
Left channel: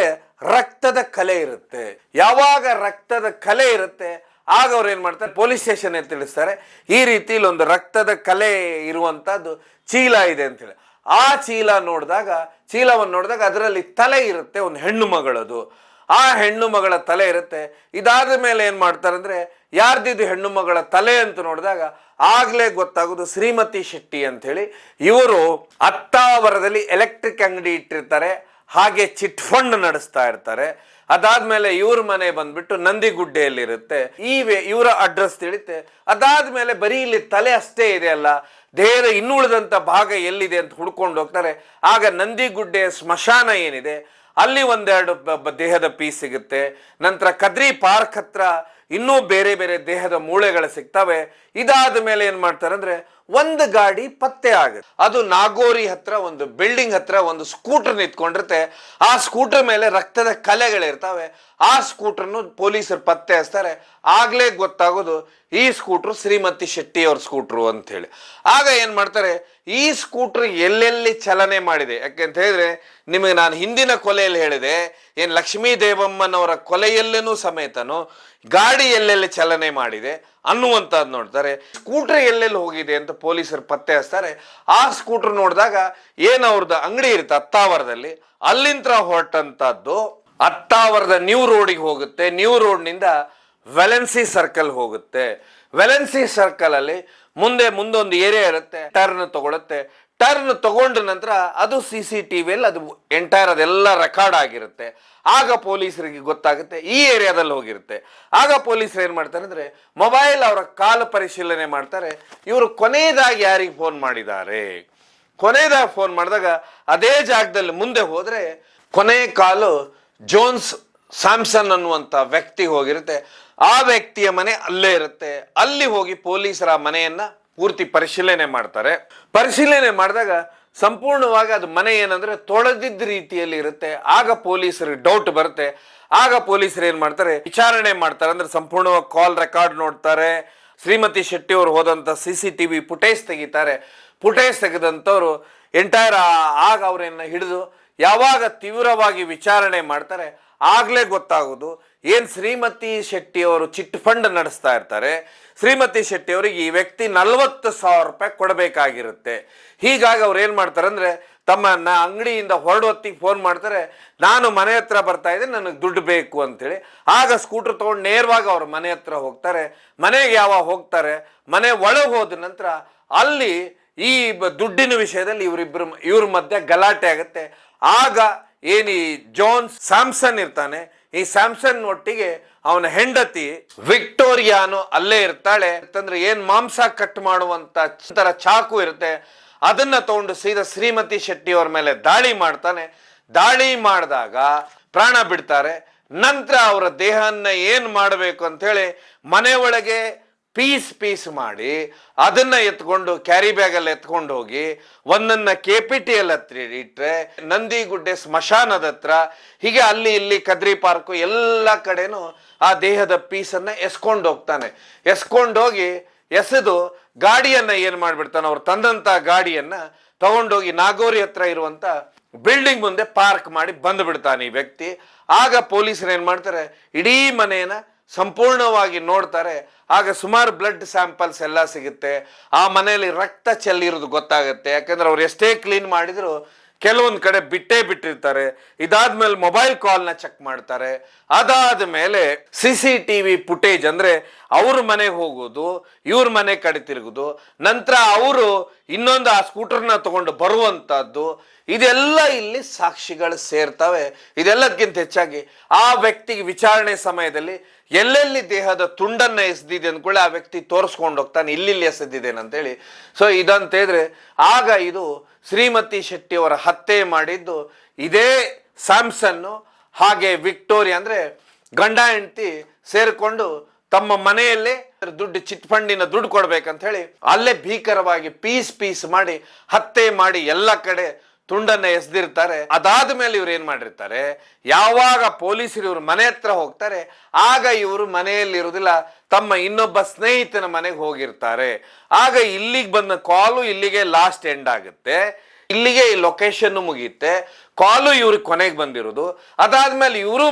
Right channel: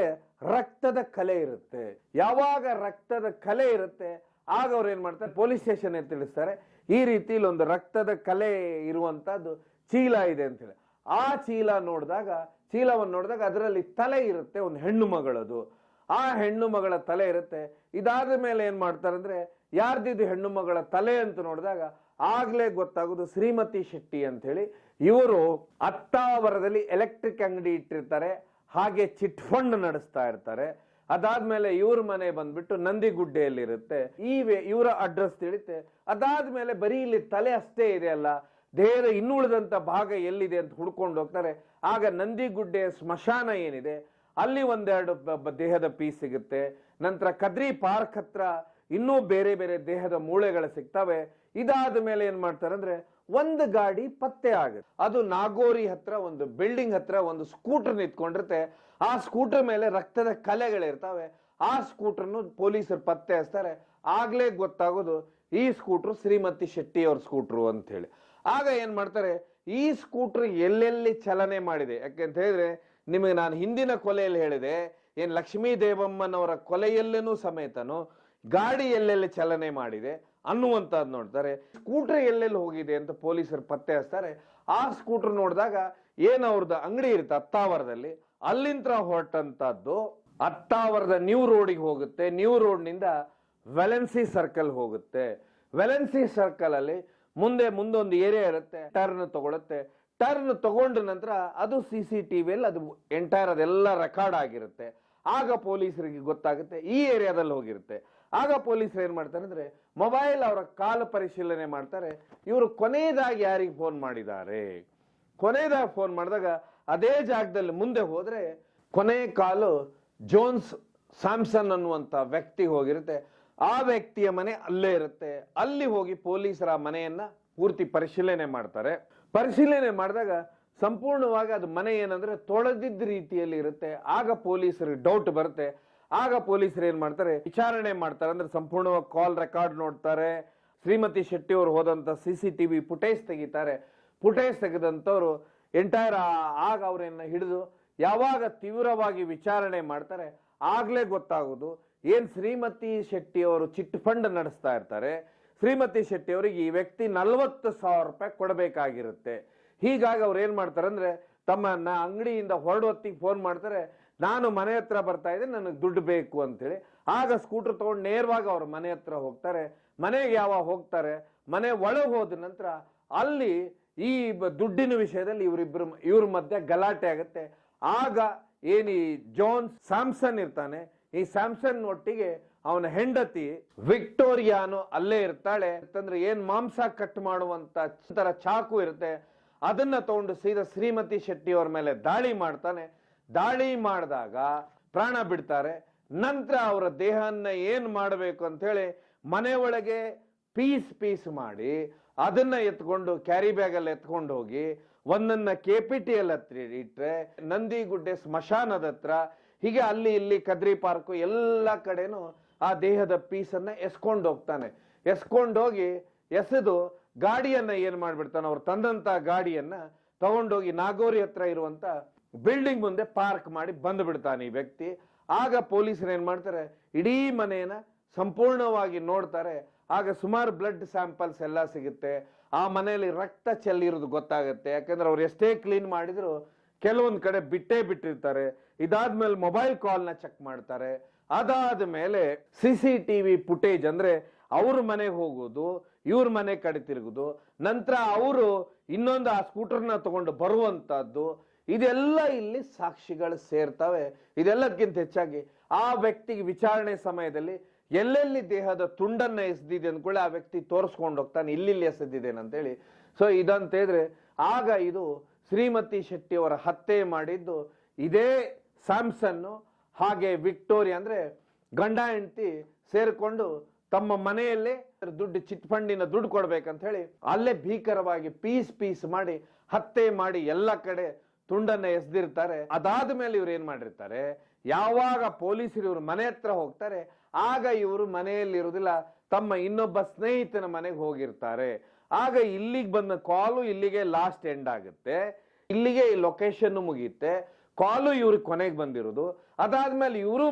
ರಕ್ತದ ಕಲೆ ಇರುತ್ತೆ. ಯಾವಾಗ ರಕ್ತದ ಕಲೆ ಇರುತ್ತೆ ಆಗ ಅವ್ರು ಏನ್ ಮಾಡ್ತಾರೆ, ಪೊಲೀಸ್ ಸ್ಟೇಷನ್ ತಿಳಿಸ್ತಾರೆ, ಈ ರೀತಿ ಒಂದು ರಕ್ತದ ಕಲೆ ಇರುವಂತದ್ದು ಚೀಲ ಇದೆ ಅಂತ ಹೇಳಿ. ಆ ಚೀಲವನ್ನು ನೋಡಿದಾಗ ಅದರಲ್ಲಿ ತಲೆ ಇರುತ್ತೆ, ಒಂದು ಹೆಣ್ಣು ಮಗಳದು. ಆ ಹೆಣ್ಣು ಮಗಳ ತಲೆ ಇರುತ್ತೆ. ಇದಾದ ಮೇಲೆ ಏನ್ ಮಾಡ್ತಾರೆ ಅಂದ್ರೆ, ಯಾರ್ದಿದ್ದು ಹೆಣ್ಣು ಮಗಳ ತಲೆ ಅಂತ ನೋಡಿದಾಗ ಆಗ್ಲೇ ಗೊತ್ತಾಗೋದು ಶ್ರೀಮತಿ ಶೆಟ್ಟಿ ಅಂತ ಹೇಳಿ. ಇವರು ಅತ್ತಾವರದಲ್ಲಿ ಎಲೆಕ್ಟ್ರಿಕ್ ಅಂಗಡಿ ಇಟ್ಟಿರ್ತಾರೆ, ಹಾಗೆ ಚಿಟ್ ಫಂಡ್ ನಡೆಸ್ತಾ ಇರ್ತಾರೆ. ಅದಾದ್ಮೇಲೆ ಇವ್ರ ಮನೆ ಬಂದ್ಬಿಟ್ಟು ನಂದಿಗುಡ್ಡೆಯಲ್ಲಿರುತ್ತೆ. ಇವರ ಅಡ್ರೆಸ್ ತಿಳಿತೆ. ಅದಾದ್ಮೇಲೆ ಬರೀ ಇಲ್ಲಿ ತಲೆ ಅಷ್ಟೇ ಇದೆ ಅಲ್ಲ, ದೇಹದ ಇನ್ನುಳಿದಂತ ಭಾಗ ಎಲ್ಲಿದೆ ಅಂತ ಹುಡ್ಕೊಂಡು ಹೋಗ್ತಾರೆ. ಆಗ ನಂದಿಗುಡ್ಡೆಯ ಸ್ಮಶಾನ ಏನಿದೆ ಅಲ್ಲಿ ಒಂದೆರಡು ದೇಹದ ಪೀಸ್ ಸಿಗುತ್ತೆ. ನಂತರ ಕದ್ರಿ ಪಾರ್ಕ್ ಹತ್ರ ಇನ್ನೂ ಬೇರೆ ಬೇರೆ ದೇಹದ ಮೂಳೆಗಳು ಸಿಗ್ತವೆ. ಇದಾದ ಮೇಲೆ ಏನ್ ಮಾಡ್ತಾರೆ ಅಂದ್ರೆ, ಒಂದು ಗಾಡಿ ಪತ್ತೆ ಆಗುತ್ತೆ. ಅದು ನಾಗೋರಿ ಹತ್ರ ಒಂದು ಬಿಲ್ಡಿಂಗ್ ಹತ್ರ ಒಂದು ಸ್ಕೂಟರ್ ನಿಂತ್ಕೊಂಡಿರುತ್ತೆ. ಆ ಸ್ಕೂಟರ್ ಮೇಲೆ ರಕ್ತದ ಕಲೆಗಳಿರ್ತವೆ. ಆ ಸ್ಕೂಟರ್ನು ಪೊಲೀಸರು ಪತ್ತೆ ಹಚ್ತಾರೆ. ಆಗ್ಲೇ ಗೊತ್ತಾಗೋದು ಈ ಸ್ಕೂಟ್ರು ಶ್ರೀಮತಿ ಶೆಟ್ಟಿ ಅವ್ರ ಸ್ಕೂಟ್ರು ಅಂತ ಹೇಳಿ. ಆಗ ಏನ್ ಮಾಡ್ತಾರೆ, ಈ ಸ್ಕೂಟರ್ ಎಲ್ಲೆಲ್ಲಿ ಚಲನೆ ಮಾಡಿದೆ, ಯಾಕೆಂತ ಹೇಳಿದ್ರೆ ನಿಮಗೆ ನಾನು ಹಿಂದಿನ ಕೊಲೆಯಲ್ಲಿ ಹೇಳಿದೆ, ಏನ್ ಲಕ್ಷ್ಮೀ ದೇವಮ್ಮನವರ ಕೊಲೆಯಲ್ಲೇನೂ ಸಮೇತನು ಗಾಡಿ ಎಲ್ಲೆಲ್ಲಿ ಚಲನೆ ಮಾಡಿದೆ ಅನ್ನುವಂಥದ್ದು ನೋಡ್ತಾರೆ. ಸ್ಕೂಟರ್ ಎಲ್ಲೆಲ್ಲಿ ಹೋಗಿದೆ ಅಂತ ಪೊಲೀಸರು ಪತ್ತೆ ಹಚ್ತಾರೆ. ಆ ಸ್ಕೂಟರ್ ನೋಡಿದಾಗ ಏನು ಅವ್ರದ್ದು ಅಂಗಡಿ ಇರುತ್ತೆ ಅತ್ತಾವರದಲ್ಲಿ, ಅಲ್ಲಿಂದ ಹೊರಟಂತದ್ದು ಅತ್ತಾವರದ ನ್ಯೂ ರೋಡಿಗೆ ಹೋಗುತ್ತೆ. ನ್ಯೂ ರೋಡ್ನಿಂದ ವೆಲೆನ್ಸಿ ಸರ್ಕಲ್ ಹೋಗುತ್ತೆ. ವೆಲೆನ್ಸಿ ಸರ್ಕಲ್ ಅಲ್ಲಿ ಮುಂದೊಂದು ಏರಿಯಾ ಇರುತ್ತೆ, ಟರ್ನ್ ತಗೊಳುತ್ತೆ. ಟರ್ನ್ ತಗೊಂಡ ನಂತರ ಅದು CCTV ಅದು ಎಂಟೈರ್ ಅದೆಲ್ಲ ರೆಕಾರ್ಡ್ ಆಗಿರುತ್ತೆ. ಆಗ ಪೊಲೀಸರಿಗೆ ಗೊತ್ತಾಗುತ್ತೆ ಈ ಏರಿಯಾದಲ್ಲಿ ಹೋಗಿರುತ್ತೆ. ಆಗ ಪೊಲೀಸರು ಏನ್ ಮಾಡ್ತಾರೆ ಅಂದ್ರೆ, ಮೊಬೈಲ್ ಅವರ ಕಾಲು ಪರಿಶೀಲನೆ ಮಾಡ್ತಾರೆ. ಇವರು ಕೊನೆಯದಾಗಿ ಯಾರಿಗೆ ಫೋನ್ ಮಾಡಿದ್ದಾರೆ, ಕೊನೆಯದಾಗಿ ಫೋನ್ ಮಾಡಿದಾಗ ಅದೇ ಜಾಗದಲ್ಲಿ ಮುಂದೆ ಹೋದ್ರೆ ಕೊನೆಯ ಕಾಲು ಜೋನ್ಸ್ ಸ್ಯಾಮ್ಸನ್ ಅನ್ನುವಂಥ ವ್ಯಕ್ತಿ ಹೋಗಿರುತ್ತೆ. ಆ ವ್ಯಕ್ತಿಯ ಮನೆ ಅಲ್ಲೇ ಇರುತ್ತೆ. ಅಲ್ಲಿ ಹೋಗಿ ಪೊಲೀಸರ ಮನೆಯನ್ನ ಪೂರ್ತಿ ಪರಿಶೀಲನೆ ಮಾಡ್ತಾರೆ. ಪರಿಶೀಲನೆ ಮಾಡಿದಾಗ ಸಂಪೂರ್ಣವಾಗಿ ಅದು ಮನೆ ಏನಂದ್ರೆ ತೊಳೆದಿದ್ದ ರೀತಿಯಲ್ಲಿ ಇರುತ್ತೆ. ಆಗ ಪೊಲೀಸರಿಗೆ ಡೌಟ್ ಬರುತ್ತೆ. ಆಗ ಪೊಲೀಸರು ಏನ್ ಮಾಡ್ತಾರೆ, ವಿಚಾರಣೆ ಮಾಡ್ತಾರೆ. ಅಂದ್ರೆ ಸಂಪೂರ್ಣವಾಗಿ ಕಾಲ್ ರೆಕಾರ್ಡ್ ನೋಡ್ತಾರೆ. ಶ್ರೀಮತಿ ಶೆಟ್ಟಿ ಅವರು ಹೋದಂತ CCTV ಫುಟೇಜ್ ತೆಗಿತಾರೆ. ಫುಟೇಜ್ ತೆಗೆದಂಥವ್ರು ಎಂಟೈರ್ ಆಗ ಅವರನ್ನ ಹಿಡಿದು ಯಾವಾಗ ತೀವ್ರವಾಗಿ ವಿಚಾರಣೆ ಮಾಡ್ತಾರೆ ಆಗ್ಲೇ ಗೊತ್ತಾಗೋದು ಏನ್ ಶ್ರೀಮತಿ ಶೆಟ್ಟಿ ಅವರು ಚಿಟ್ ಫಂಡ್ ನಡೆಸ್ತಾ ಇರ್ತಾರೆ. ಶ್ರೀಮತಿ ಶೆಟ್ಟಿ ಅವರಿಗೆ ಈ ವ್ಯಕ್ತಿ 40,000 ರೂಪಾಯಿ ಕೊಡಬೇಕಾಗಿರುತ್ತೆ. ಹೀಗಾಗಿ ಅವ್ರು ಏನ್ ಮಾಡ್ತಾರೆ ಅಂದ್ರೆ, ತಮ್ಮ ಅಂಗಡಿಯಿಂದ ಹೊರಡೊತ್ತಿಗೆ ಫೋನ್ ಮಾಡ್ತಾರೆ, ನಾನು ಮನೆ ಹತ್ರ ಬರ್ತಾ ಇದ್ದೆ, ನನಗೆ ದುಡ್ಡು ಬೇಕು ಅಂತೇಳಿ. ಆಗ ಸ್ಕೂಟರ್ ತಗೊಂಡು ನೇರವಾಗಿ ಅವ್ರ ಮನೆ ಹತ್ರ ಹೋಗ್ತಾರೆ. ಮನೆಗೆ ಯಾವಾಗ ಹೋಗ್ತಾರೆ, ಮನೆ ಒಳಗೆ ಹೋದ ನಂತರ ಅಲ್ಲಿ ಈ ದುಡ್ಡಿನ ವಿಷಯದಲ್ಲಿ ಇವ್ರ ಮಧ್ಯೆ ಗಲಾಟೆ ಆಗುತ್ತೆ. ಆಗ ಏನ್ ಈ ಜೋನ್ಸ್ ಸ್ಯಾಮ್ಸನ್ ಇರ್ತಾನೆ, ಈ ಸ್ಯಾಮ್ಸನ್ ಒಟ್ಟಿಗೆ ಅವನ ಹೆಂಡತಿ ವಿಕ್ಟೋರಿಯಾನು ಅಲ್ಲೇ ಇರ್ತಾಳೆ. ಅಂತಂದ್ರೆ ಏನ್ ಮಾಂಸ ಕಟ್ ಮಾಡುವಂತ ಚಾಕು ಇರುತ್ತೆ, ಅದನ್ನ ತಗೊಂಡು ಸೀದಾ ಶ್ರೀಮತಿ ಶೆಟ್ಟಿ ಅವ್ರ ಮೇಲೆ ದಾಳಿ ಮಾಡ್ತಾನೆ. ದಾಳಿ ಮಾಡಿದಾಗ ಪ್ರಾಣ ಬಿಡ್ತಾರೆ. ನಂತರ ಅವರ ದೇಹನ್ನ ಏನ್ ಮಾಡಬೇಕು ಅಂತ ಹೇಳಿ ಮನೆ ಒಳಗೆ ಪೀಸ್ ಮಾಡಿ ಅದನ್ನ ಎತ್ಕೊಂಡು ಕ್ಯಾರಿ ಬ್ಯಾಗ್ ಅಲ್ಲಿ ಎತ್ಕೊಂಡು ಹೋಗಿ ಒಂದನ್ನ KPTL ಹತ್ರ ಇಟ್ರೆ, ನಂದಿಗುಡ್ಡೆ ಸ್ಮಶಾನದ ಹತ್ರ, ಹೀಗೆ ಅಲ್ಲಿ ಇಲ್ಲಿ ಕದ್ರಿ ಪಾರ್ಕ್ ಎಲ್ಲ ಕಡೆನೂ ಆ ದೇಹದ ಪೀಸನ್ನ ಎಸ್ಕೊಂಡು ಹೋಗ್ತಾನೆ. ಎಸ್ಕೊಂಡೋಗಿ ಎಸೆದು ಗಾಡಿಯನ್ನ ಏನ್ ಮಾಡ್ಬಿಡ್ತಾನೆ, ಅವ್ರು ತಂದಂತ ಗಾಡಿಯನ್ನ ತಗೊಂಡೋಗಿ ನಾಗೋರಿ ಹತ್ರ ಇರುವಂತ ಬಿಲ್ಡಿಂಗ್ ಮುಂದೆ ಪಾರ್ಕ್ ಮಾಡಿ ಬಂದು ಬಿಡ್ತಾನೆ ಈ ವ್ಯಕ್ತಿ. ಆಗ ಪೊಲೀಸರು ಏನ್ ಮಾಡ್ತಾರೆ, ಇಡೀ ಮನೆಯನ್ನ ಸಂಪೂರ್ಣವಾಗಿ ನೋಡ್ತಾರೆ. ಆಗ ಸುಮಾರು ಬ್ಲಡ್ ಸ್ಯಾಂಪಲ್ಸ್ ಎಲ್ಲ ಸಿಗುತ್ತೆ. ಆ ಮನೆಯಲ್ಲಿ ರಕ್ತ ಚೆಲ್ಲಿರೋದು ಗೊತ್ತಾಗುತ್ತೆ. ಯಾಕಂದ್ರೆ ಅವ್ರು ಎಷ್ಟೇ ಕ್ಲೀನ್ ಮಾಡಿದ್ರು ಕೆಲವೊಂದು ಕಡೆ ಬಿಟ್ಟಿರ್ತಾರೆ. ಇದಾದ್ಮೇಲೆ ಮೊಬೈಲ್ ಕಾಲ್ನ ಚೆಕ್ ಮಾಡ್ತಾರೆ. ಅದಾದ ಮೇಲೆ CCTV ಫುಟೇಜ್ ಅಂದ್ರೆ ಅವ್ರ ಮನೆಗೆ ಹೋಗೋದು, ಇವ್ರ ಮನೆ ಕಡೆ ತಿರುಗುದು, ನಂತರ ಅವರು ಇನ್ನೊಂದು ಆ ಸ್ಕೂಟರ್ನ ತಗೊಂಡು ಬರುವಂತದ್ದು, ಇದೆಲ್ಲ ಇಲ್ಲಿ ಸಾಕ್ಷಿಗಳು ಸೇರ್ತವೆ. ಇದೆಲ್ಲದಕ್ಕಿಂತ ಹೆಚ್ಚಾಗಿ ಆ ವ್ಯಕ್ತಿಗೆ ವಿಚಾರಣೆ ಸಮಯದಲ್ಲಿ ಎಲ್ಲೆಲ್ಲಿ ದೇಹದ ತುಂಡನ್ನ ಎಸೆದಿದೆ ಅಂದ್ಕೊಳ್ಳಿ ಆ ವ್ಯಕ್ತಿ ತೋರಿಸ್ಕೊಂಡು ಹೋಗ್ತಾನೆ, ಇಲ್ಲಿ ಎಸೆದಿದ್ದೇನೆ ಅಂತೇಳಿ. ಸೊ ಇದಂತ ಹೇಳಿದ್ರೆ ಆಗ ಇದು ಶ್ರೀಮತಿ ಶೆಟ್ಟಿ ಅವರ ಹತ್ಯೆ ಮಾಡಿದ್ದು ಇದೇ ಸ್ಯಾಮ್ಸನ್ನು ಹಾಗೆ ವಿಕ್ಟೋರಿಯಾ ಅಂದ್ರೆ ಗಂಡ ಹೆಂಡತಿ ಸೇರ್ಕೊಂಡು ತಮ್ಮ ಮನೆಯಲ್ಲೇ ಚಿಟ್ ಫಂಡಿನ ದುಡ್ಡು ಕೊಡ್ಬೇಕಂತ ಹೇಳಿ ಅಲ್ಲೇ ಭೀಕರವಾಗಿ ಪೀಸ್ ಮಾಡಿ ಹತ್ಯೆ ಮಾಡಿ ಎಲ್ಲ ಕಡೆ ತುಂಡನ್ನ ಎಸೆದಿರ್ತಾರೆ. ಅದಾದ ಮೇಲೆ ಇವ್ರು ಏನ್ ಮಾಡಿರ್ತಾರೆ, ಯಾವಾಗ ಪೊಲೀಸರು ಇವ್ರ ಮನೆ ಹತ್ರ ಹೋಗ್ತಾರೆ ಆಗ ಇವರು ಮನೆಯಲ್ಲಿ ಇರುವುದಿಲ್ಲ, ತಮ್ಮ ಇನ್ನೊಬ್ಬ ಸ್ನೇಹಿತನ ಮನೆಗೆ ಹೋಗಿರ್ತಾರೆ. ಆಗ ಇಲ್ಲಿಗೆ ಬಂದ ಕಾಲು ಇಲ್ಲಿಗೆ ಲಾಸ್ಟ್ ಎಂಡ್ ಆಗುತ್ತೆ, ಇಲ್ಲಿಗೆ ಈ ಲೊಕೇಶನ್ ಮುಗಿಯುತ್ತೆ. ಕಾಲು ಇವ್ರಿಗೆ ಕೊನೆಗೆ ಬಂದಿರೋದು. ಅದಾದ್ಮೇಲೆ ಇವರು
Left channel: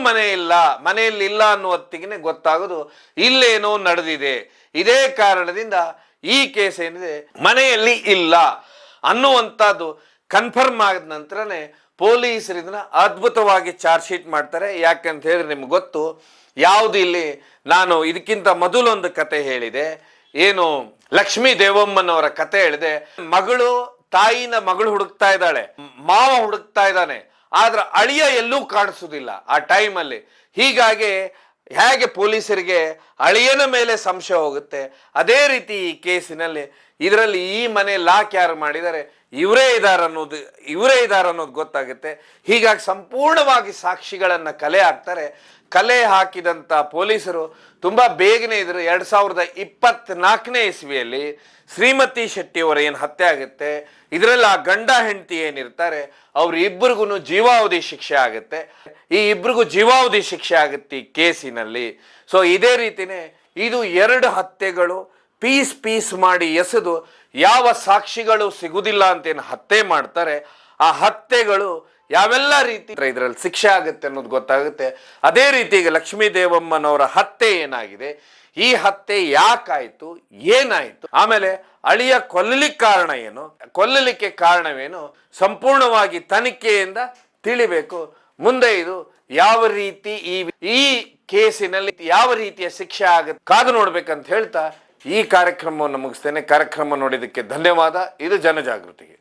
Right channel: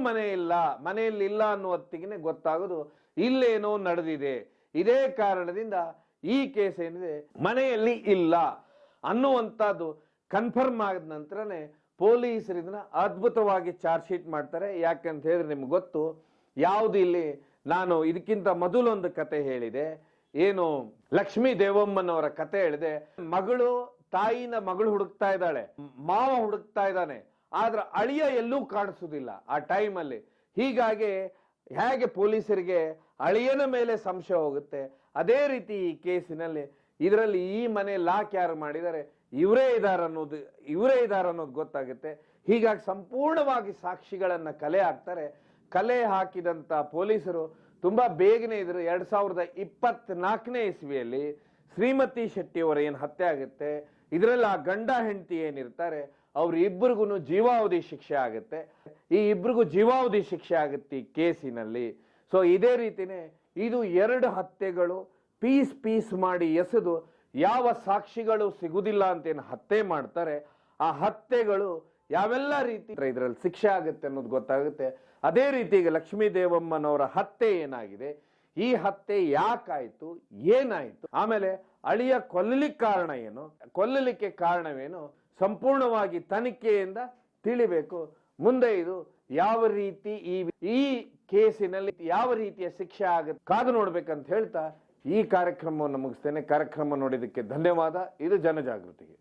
ಮನೆಯಲ್ಲಿ ಇಲ್ಲ ಅನ್ನೋ ಹೊತ್ತಿಗೆ ಗೊತ್ತಾಗೋದು ಇಲ್ಲೇನೋ ನಡೆದಿದೆ. ಇದೇ ಕಾರಣದಿಂದ ಈ ಕೇಸ್ ಏನಿದೆ ಮನೆಯಲ್ಲಿ ಇಲ್ಲ ಅನ್ನುವಂಥದ್ದು ಕನ್ಫರ್ಮ್ ಆದ ನಂತರನೇ ಪೊಲೀಸರು ಇದನ್ನ ಅದ್ಭುತವಾಗಿ ಚಾರ್ಜ್ ಶೀಟ್ ಮಾಡ್ತಾರೆ. ಯಾಕಂತ ಹೇಳಿದ್ರೆ ನಿಮ್ಗೆ ಗೊತ್ತು, ಯಾವುದು ಇಲ್ಲಿ ನಾನು ಇದಕ್ಕಿಂತ ಮೊದಲೊಂದು ಕತೆ ಹೇಳಿದೆ, ಏನು ಲಕ್ಷ್ಮೀ ದೇವಮ್ಮನವರ ಕತೆ ಹೇಳಿದೆ. ಮಗಳು ಹುಡುಕ್ತಾ ಇದ್ದಾಳೆ, ಮಾವ ಹುಡುಕ್ತಾ ಇದ್ದಾನೆ, ಆದ್ರೆ ಅಳಿಯ ಎಲ್ಲೂ ಕಾಣಿಸುವುದಿಲ್ಲ ಆ ಟೈಮಲ್ಲಿ. ಹೀಗಾಗಿ ಹೇಗೆ ಪೊಲೀಸರಿಗೆ ಅಳಿಯನ ಮೇಲೆ ಸಂಶಯ ಹೋಗುತ್ತೆ, ಅದೇ ರೀತಿ ಈ ಕೇಸಿನಲ್ಲಿ ಇದರಲ್ಲಿ ಈ ಮನೆ ಲಾಕ್ ಯಾರು ಮಾಡಿದ್ದಾರೆ ಇವರೇ ಇದ್ದಾರೆ ಅನ್ನೋದು ಗೊತ್ತಾಗುತ್ತೆ. ಹೀಗಾಗಿ ಸಂಪೂರ್ಣವಾಗಿ ಸಾಕ್ಷಿಗಳನ್ನ ಕಲೆ ಹಾಕ್ತಾರೆ. ಕಲೆ ಹಾಕಿದಂತ ಪೊಲೀಸರು ತುಂಬಾ ಬೇಗನೆ ಇದ್ರು 2024ನೇ ಇಸ್ವಿಯಲ್ಲಿ ಶ್ರೀಮತಿ ಶೆಟ್ಟಿ ಅವರ ಏನು ಹತ್ಯೆ ಆಗುತ್ತೆ, ಇದರಲ್ಲಿ ಆ ಗಂಡ ಹೆಂಡತಿ ಏನಿರ್ತಾರೆ ಅವ್ರಿಬ್ಬರಿಗೂ ಜೀವಾವಧಿ ಶಿಕ್ಷೆ ಆಗುತ್ತೆ. ಈ ಇಬ್ಬರಿಗೂ ಜೀವಾವಧಿ ಶಿಕ್ಷೆ ಆಗುತ್ತೆ ಈ ಕೇಸಿನಲ್ಲಿ. ಸೊ ಇದೇ ರೀತಿನೇ ಇದು 2 ಹತ್ಯೆಗಳು ಪೀಸ್ ಮಾಡಿ ಎಸೆದು ಯಾವ ಸಾಕ್ಷಿಗಳು ಸಿಗುವುದಿಲ್ಲ ಅಂತೇನು ಹತ್ಯೆ ಮಾಡ್ತಾರೆ, ಆ ಹತ್ಯೆಗಳು ಯಾವೆಲ್ಲ ರೀತಿ ಇದರಲ್ಲಿ ಶಿಕ್ಷೆ ಆಗುತ್ತೆ ಅನ್ನೋದು ಗೊತ್ತಾಗುತ್ತೆ. ಅದೇ ರೀತಿ ಈಗ ಲಕ್ಷ್ಮೀ ದೇವಮ್ಮನವರ ಹತ್ಯೆ ಏನಾಗಿದೆ, ಈ ಹತ್ಯೆ ಯಾಕಾಯ್ತು, ಏನಾಯ್ತು, ಆಮೇಲೆ ಅಳಿಯ ಕೊಲ್ಲಲಿಕ್ಕೆ ಕಾರಣವೇನು ಸಂಪೂರ್ಣವಾಗಿ ತನಿಖೆಯಿಂದ ತಿಳಿಬೇಕು. ಮುಂದೆ ಇದು ಯಾವ ರೀತಿ ಈ ಕೇಸಿನಲ್ಲಿ ಯಾವ ರೀತಿಯ ಶಿಕ್ಷೆ ಆಗುತ್ತೆ ಕಾದು ನೋಡ್ಬೇಕಂತ ಹೇಳ್ತಾ ಈ ಕಾರ್ಯಕ್ರಮವನ್ನು ಮುಗಿಸ್ತೇನೆ. ಕಾರ್ಯಕ್ರಮ ನೋಡಿದ್ದಕ್ಕೆ ಧನ್ಯವಾದ. ಇದು ಜನಜಾಗೃತಿಗೆ.